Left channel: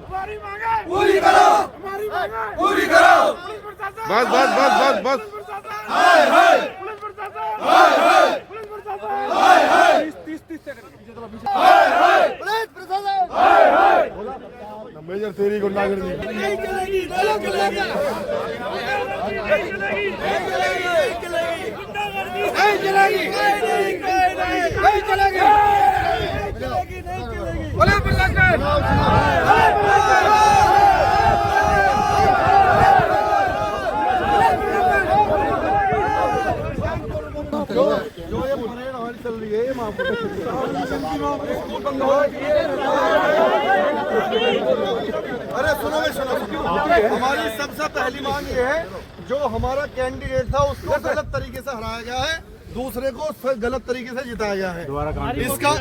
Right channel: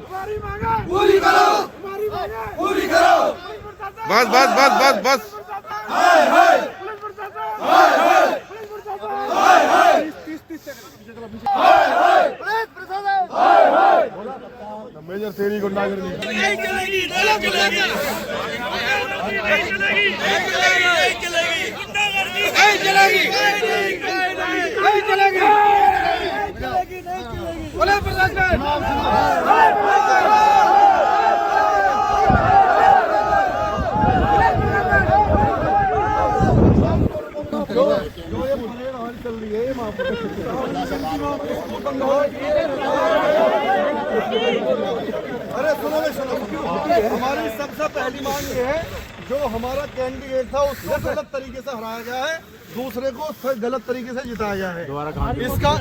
हमारी मांगे पूरी करो, हमारी मांगे पूरी करो। बस बस बस बस बस। हाय हाय पुलिस प्रशासन, हाय हाय पुलिस प्रशासन, हाय हाय 30 सेकंड हाय हाय पुलिस प्रशासन, हाय हाय मेजर तेरी गुंडागर्दी नहीं चलेगी, नहीं चलेगी, नहीं चलेगी, नहीं चलेगी, गुंडागर्दी नहीं चलेगी, नहीं चलेगी, नहीं चलेगी। पुलिस प्रशासन जो ये परेड हमारी चल रही है अरे सुनो हमारी सबसे पहली मांग ये है जो हमारा कैंडिडेट था उसको गलत तरीके से हराया गया है, दूसरे को गलत तरीके से जिताया गया है। इसका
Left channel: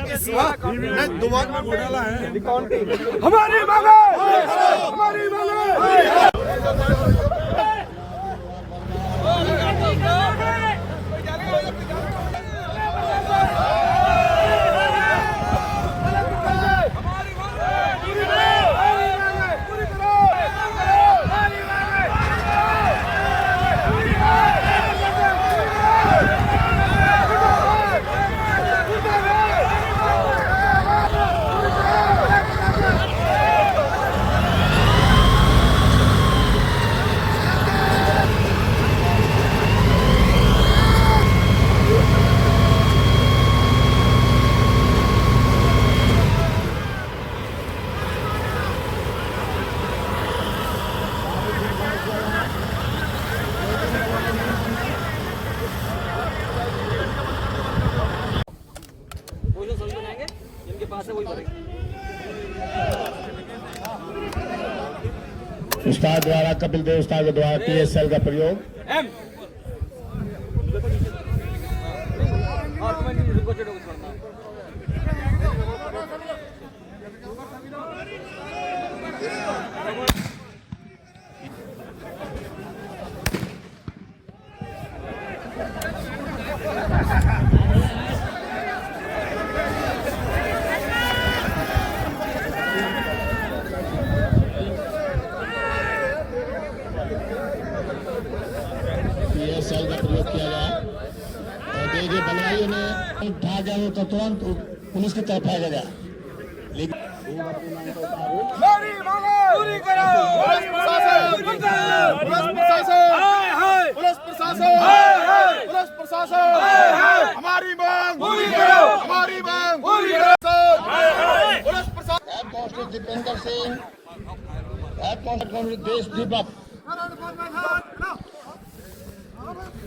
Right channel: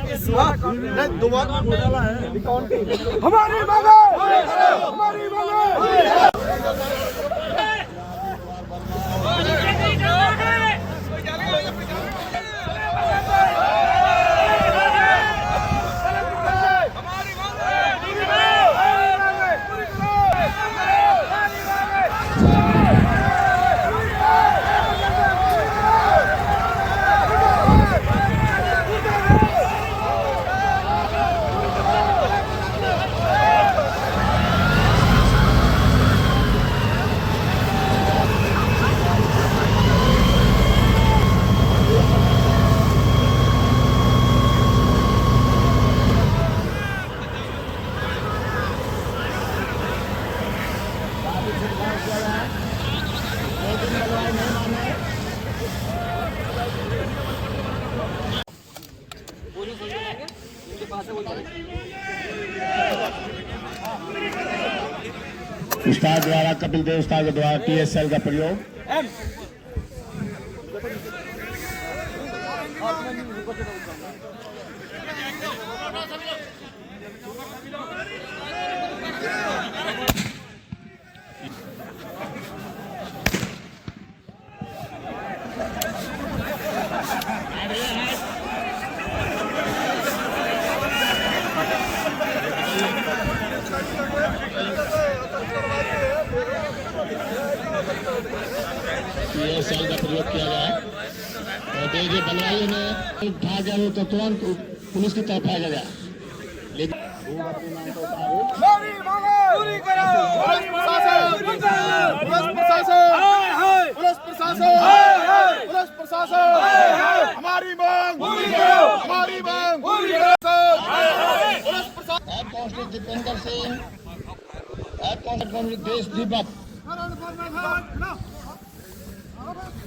दोबारा घोटाला है। हमारी मांगे, हमारी मांगे उस्ताद द्वारा, कपिल देव उस्ताद के द्वारा TSL का प्रयोग। TSL का प्रयोग किया गया और देखिए बलवाइयों ने भाग गया तो तुरंत पुलिस की तरफ भागा गया, लेकिन हमारी मांगे पूरी करो। पुलिस प्रशासन, पुलिस प्रशासन, हाय हाय पुलिस प्रशासन, हाय हाय पुलिस प्रशासन, हाय हाय हमारी मांग पूरी करो, हमारी मांग पूरी करो, हाय हाय पुलिस प्रशासन। Head constable Dipendra Singh, head constable Desh Deepak,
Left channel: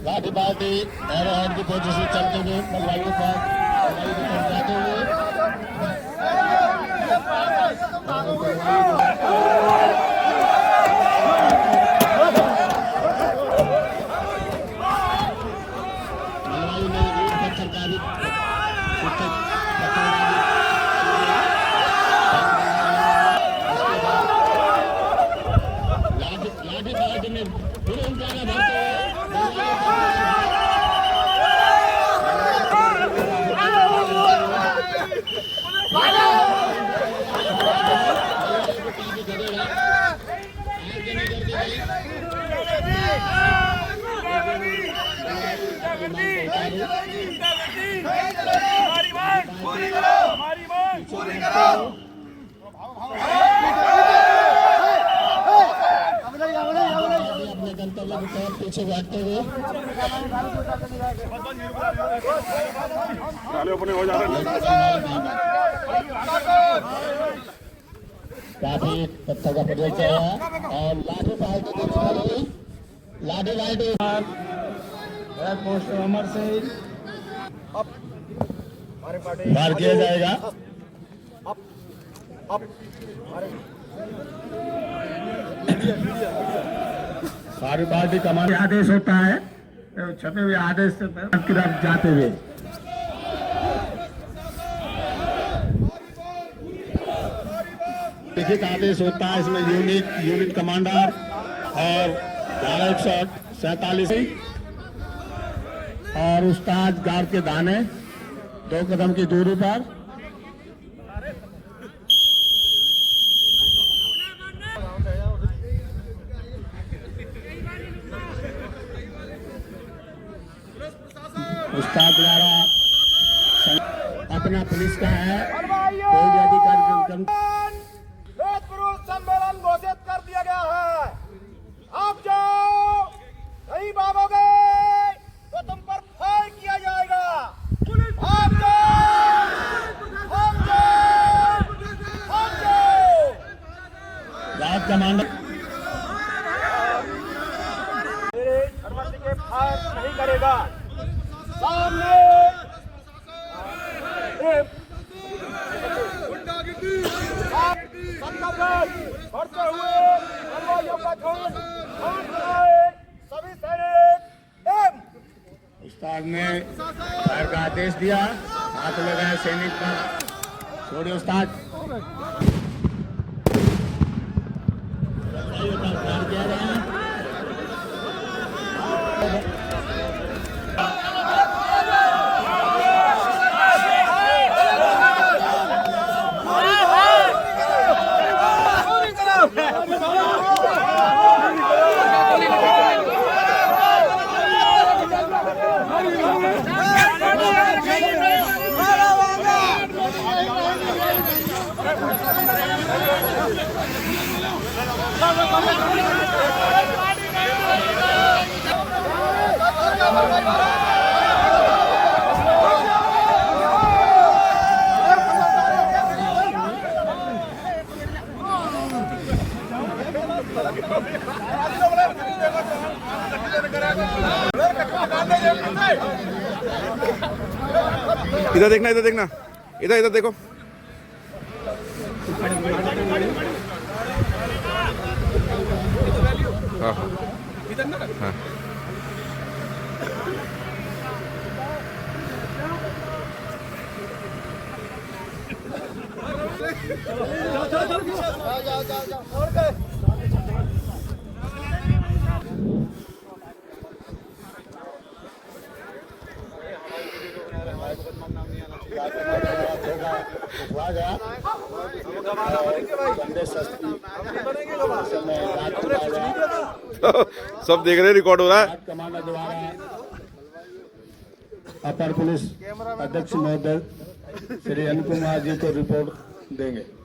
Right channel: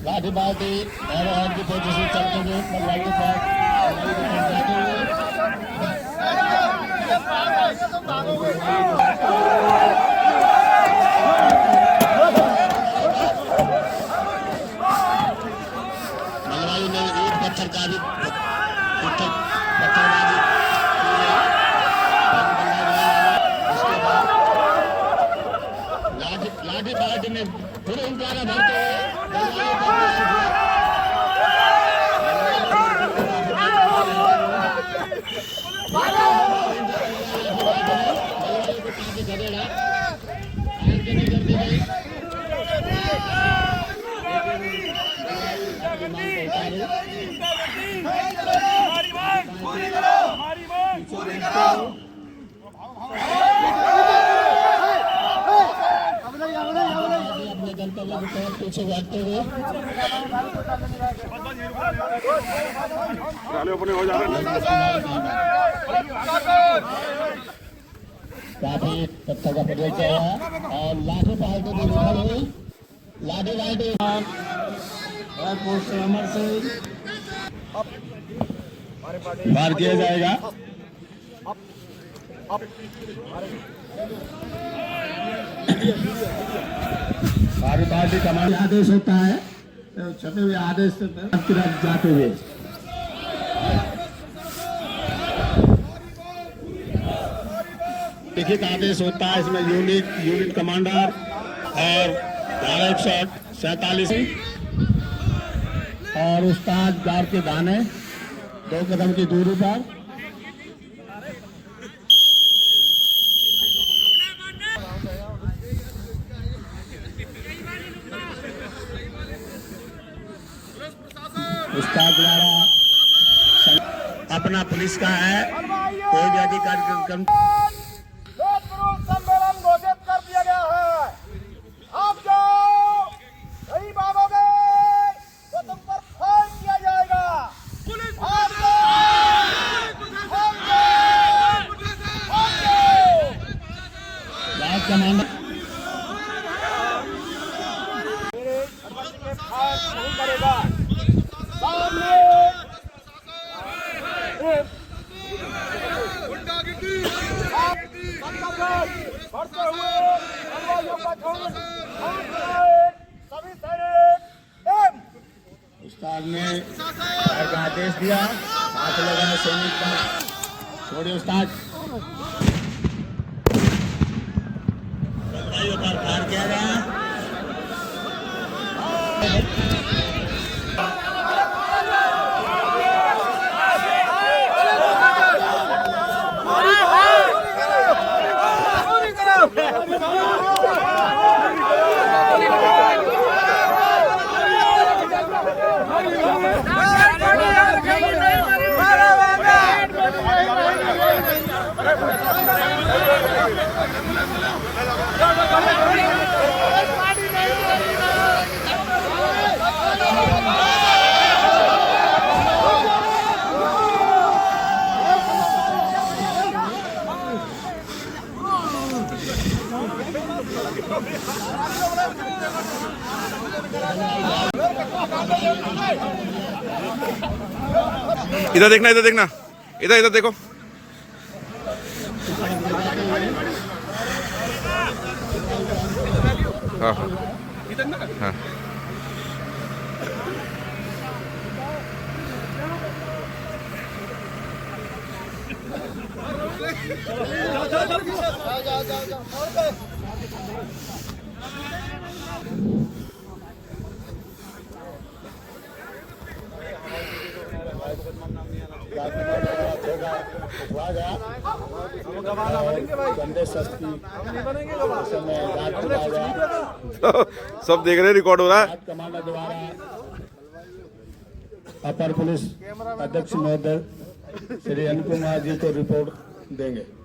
लाठी बाल्टी एरो हेड की पोजीशन से चलते हुए बलवाइयों पर जाते हुए बलवाइयों ने ईट पत्थर का भी लाठी बाल्टी में पूरे इंतजार भरते हुए अपने गंतव्य की तरफ पीछे बढ़ते हुए काफी पत्थर का प्रयोग किया है और लाठी पाल्टी को निकल हुई लाठी लाठी एयरपोर्ट से अमर से वार किया जाएगा। हमारी पार्टी कमांड आदेश होता है, छपे हुए आदेश से तरफ जाते हुए लिखित आदेश होता है। इसमें यूनिट कमांडर और धारा 147 और उस्ताद गार्ड के दाने 2 कदम की दूरी पर उस्ताद द्वारा अपना पुलिस का है, कोई भी अधिकारी सम्मेलन घोषित कर दिया गया है। आप जो नहीं मानोगे तो तुम पर फायर किया जाएगा। आप जो राज कमांडर मेरे अनुमति के फायर नहीं करेगा। सामने बढ़ते हुए हमलों का झुंड सभी सैनिक उस्ताद ने फायर का आदेश दिया, हाथ लगाया सैनिक का, छोड़िए उस्ताद। फायर किया गया। इधर देखना, इधर देखना, इधर इधर देखो। हाँ हाँ हाँ। सब देख रहे हैं, रिकॉर्ड हो रहा है। अपर पुलिस अध्यक्ष महोदय श्री अनुपम जी को रिपोर्ट देंगे।